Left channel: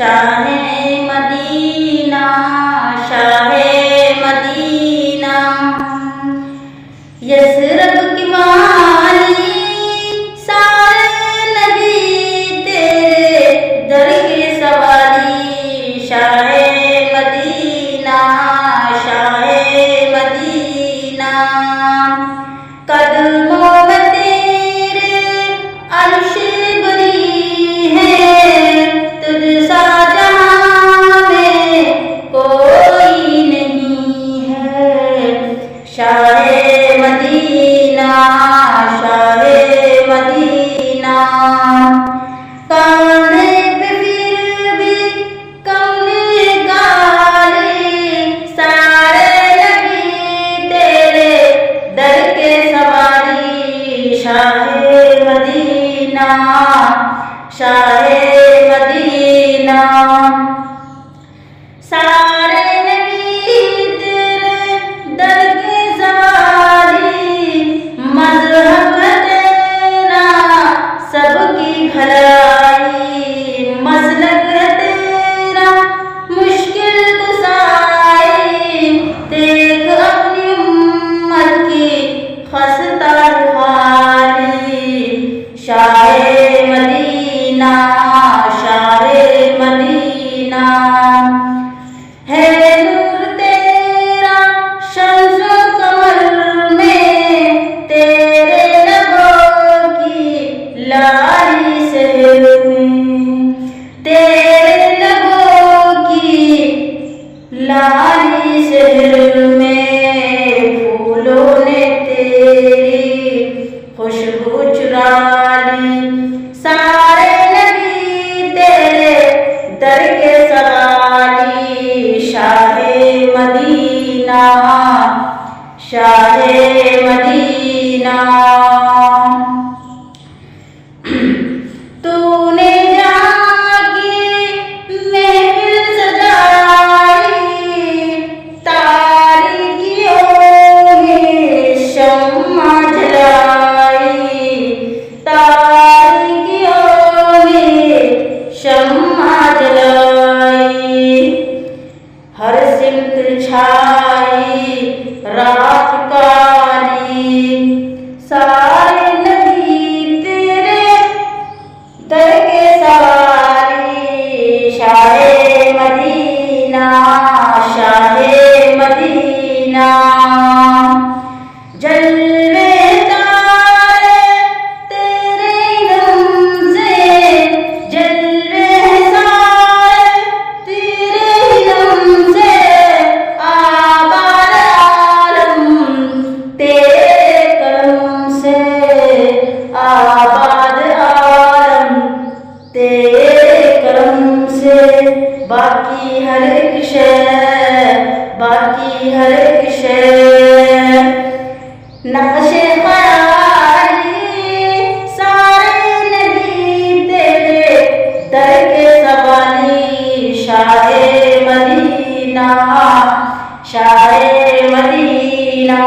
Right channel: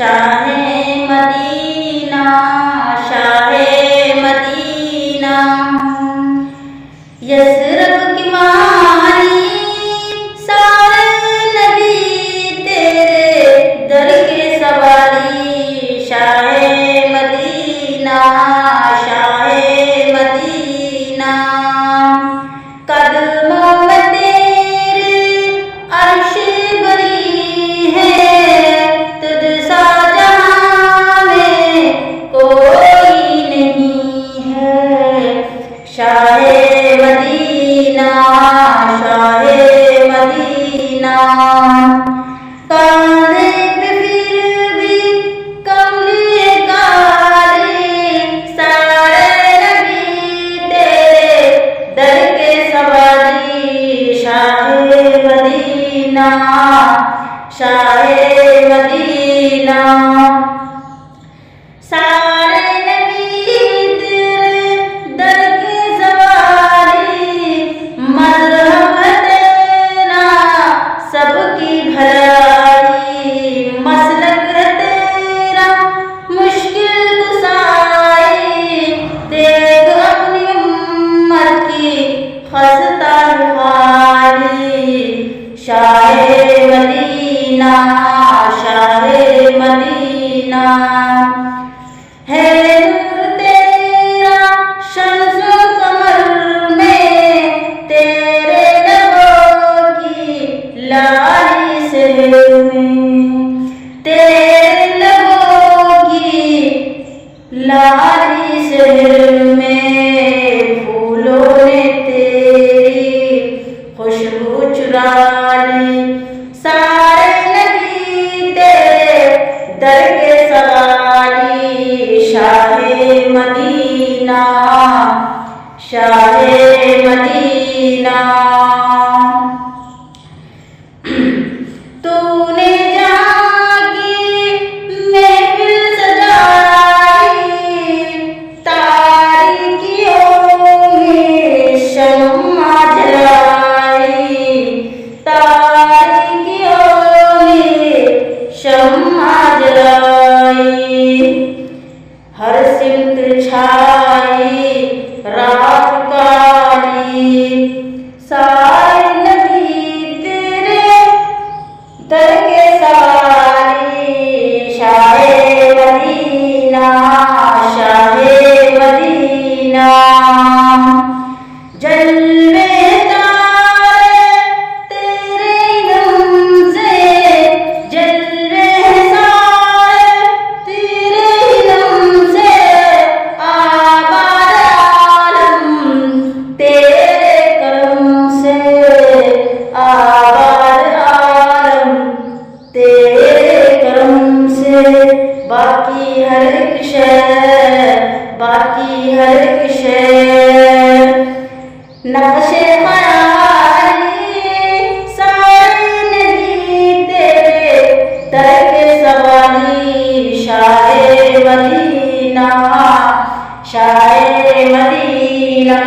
Shah Medina, Shah Medina, Yathrib की वाली सारे नबी तेरे दर के सवारी। शाहे मदीना, शाहे मदीना, कदमों में तेरे अर्श बरी है, तुझ सा जहां में कोई नहीं है। शाहे मदीना, शाहे मदीना, कांधे पे फिर भी कमले काले सारे नबी तेरे दर के सवारी। शाहे मदीना, शाहे मदीना, सारे नबी तेरे दर के सवारी। मज़हब तेरा सबकी भलाई, मसलक तेरा मुश्किल कुसाई। देख अपनी उम्मत की खस्ता हाली। शाहे मदीना, शाहे मदीना, है नूर तेरा शम्सो कमर में, तेरे लबों की लाली शहर में, तेरे लबों की लाली शहर में। फूलों ने तेरी खुशबू चुरा ली, सारे नबी तेरे दर के सवाली। शाहे मदीना, शाहे मदीना, तूने जहाँ की महफिल सजाई, तारीकियों में शम्मा जलाई, तारीकियों में शम्मा जलाई। हर सिमत छाई रात काली, सारे नबी तेरे दर के सवारी। शाहे मदीना, शाहे मदीना, जलवे तारे तेरे इल्म से, जलवे सारे तेरे इल्म से। आबाद आलम तेरे करम से, आबाद आलम तेरे करम से। बाकी हर एक शय, बाकी हर एक शय नक्शे ख़याली, सारे नबी तेरे दर के सवाली। Shah Medina, Shah Medina.